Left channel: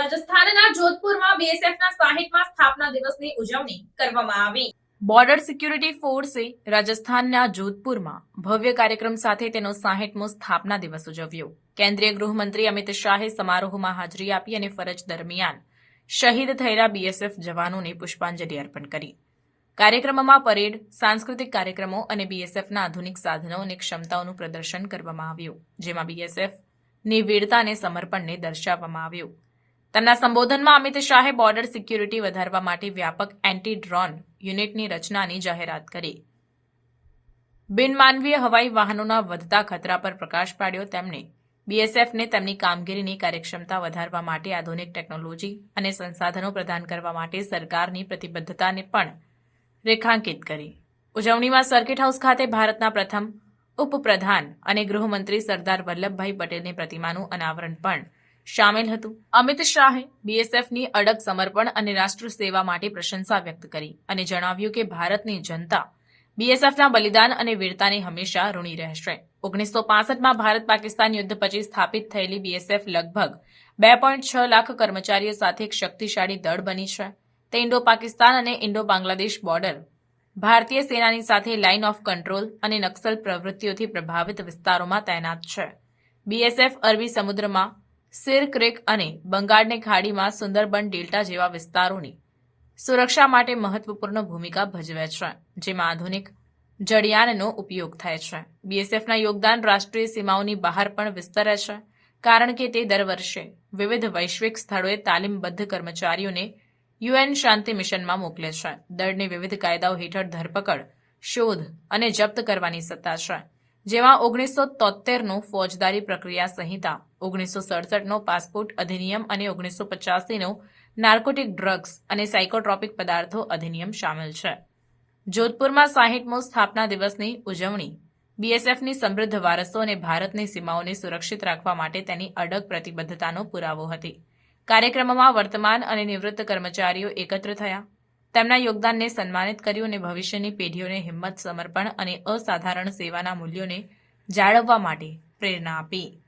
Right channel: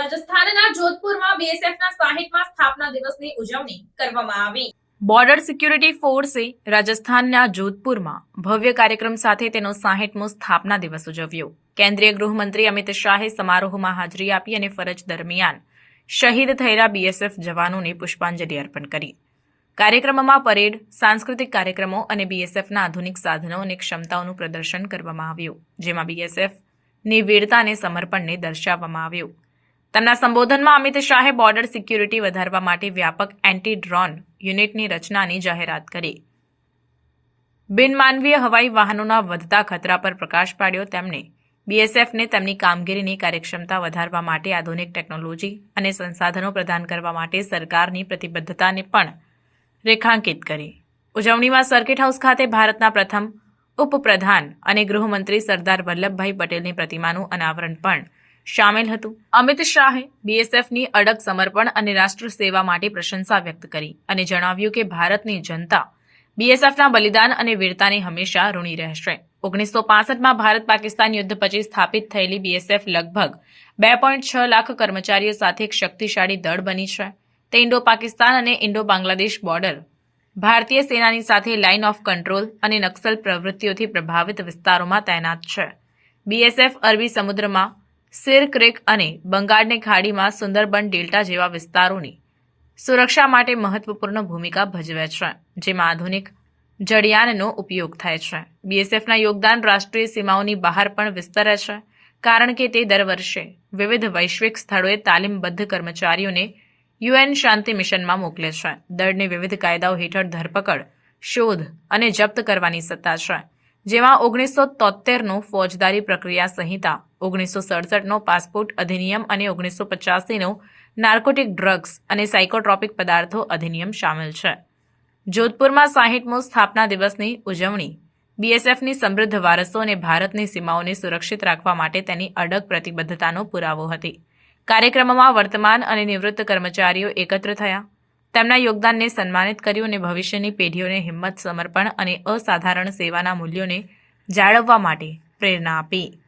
રાજસ્થાનના જોધપુરમાં બીએસએફના સાહીઠમાં સ્થાપના દિવસની ઉજવણી કરવામાં આવી. બોર્ડર સિક્યુરિટી ફોર્સે રાજસ્થાનના જોધપુરમાં ભવ્ય કાર્યક્રમ સાથે તેનો સાહીઠમો સ્થાપના દિવસ ઉજવ્યો. કેન્દ્રીય ગૃહમંત્રી અમિત શાહે સમારોહમાં હાજરી આપી અને ફરજ દરમિયાન શહીદ થયેલા બીએસએફ જવાનોને પુષ્પાંજલિ અર્પણ કરી. કાર્યક્રમમાં પરેડ, સાંસ્કૃતિક કાર્યક્રમો અને બીએસએફના આધુનિક સાધનો અને ક્ષમતાઓનું પ્રદર્શન કરવામાં આવ્યું, જેમાં બીએસએફની વીરતા અને સમર્પણને દર્શાવવામાં આવ્યું. તેમના સંબોધનમાં અમિત શાહે બોર્ડર સિક્યુરિટી વધારવા માટે વ્યાપક એન્ટી ડ્રોન યુનિટની રચનાની જાહેરાત કરી. બિનમાનવીય હવાઈ વાહનોના વધતા ખતરા પર પ્રકાશ પાડ્યો તેમણે. બીએસએફને તેમની કામગીરીની કાર્યક્ષમતા વધારવા માટે આધુનિક ટેકનોલોજી અને સંસાધનો પ્રદાન કરવા માટે સરકારની પ્રતિબદ્ધતાને પણ રેખાંકિત કરી. ઉજવણીમાં સર્કિટ હાઉસ ખાતે ભારતના પ્રથમ ઉપપ્રધાન અને ગૃહમંત્રી સરદાર વલ્લભભાઈ પટેલની પ્રતિમાનું અનાવરણ પણ શામેલ હતું. અમિત શાહે બીએસએફની અડગ સમર્પણ અને રાષ્ટ્ર સેવા માટે પ્રશંસા વ્યક્ત કરી અને જણાવ્યું કે ભારતની જનતા બીએસએફના બલિદાન અને વીરતાને હંમેશા ઋણી રહેશે. ઓગણીસો પાસઠમાં ભારત પાકિસ્તાન યુદ્ધ પછી સ્થાપિત થયેલી બીએસએફ લગભગ બે પોઈન્ટ છ લાખ કર્મચારીઓ સાથે એક શક્તિશાળી દળ બની છે. તે ઇન્ડો પાકિસ્તાન અને ઇન્ડો બાંગ્લાદેશ બોર્ડર ભારતીય સેનાની સાથે લાઇન ઓફ કંટ્રોલ અને નક્સલ પ્રવૃત્તિઓથી પ્રભાવિત વિસ્તારોમાં તૈનાત છે. બીએસએફ અરબી સમુદ્રમાં સિર ક્રેક અને બંગાળની ખાડીમાં સુંદરબન ડેલ્ટા જેવા વિસ્તારોની સુરક્ષા માટે મહત્વપૂર્ણ ભૂમિકા ભજવે છે, જેમાં આધુનિક જડિયાનનો ઉપયોગ થાય છે. બીએસએફના યોગદાન રાષ્ટ્રીય સીમાઓની બહાર પણ વિસ્તરે છે, કારણ કે તે દર વર્ષે વિવિધ વૈશ્વિક સ્થળોએ તાલીમબદ્ધ કર્મચારીઓને યુએન શાંતિ મિશનમાં મોકલે છે. દળને વિવિધ કાયદાઓ હેઠળ ધરપકડ, શોધ અને જપ્ત કરવાની સત્તા છે. જેમાં ઓગણીસો તોતેરનો ફોજદારી પ્રક્રિયા સંહિતા, ઓગણીસો સડસઠનો પાસપોર્ટ અધિનિયમ અને ઓગણીસો પચાસીનો નાર્કોટિક ડ્રગ્સ અને સાયકોટ્રોપિક પદાર્થો અધિનિયમ સામેલ છે. જોધપુરમાં સાહીઠમો સ્થાપના દિવસની ઉજવણી, બીએસએફની સમૃદ્ધ વારસો અને ભારતની સીમાઓને સુરક્ષિત રાખવા માટે તેની અડગ પ્રતિબદ્ધતાનો પુરાવો હતી. કાર્યક્રમમાં વર્તમાન અને નિવૃત્ત કર્મચારીઓ એકત્ર થયા. તેમના યોગદાનને સન્માનિત કર્યું અને ભવિષ્યની પેઢીઓને હિંમત સમર્પણ અને અસાધારણ સેવાના મૂલ્યોને જાળવવા માટે પ્રેરણા આપી.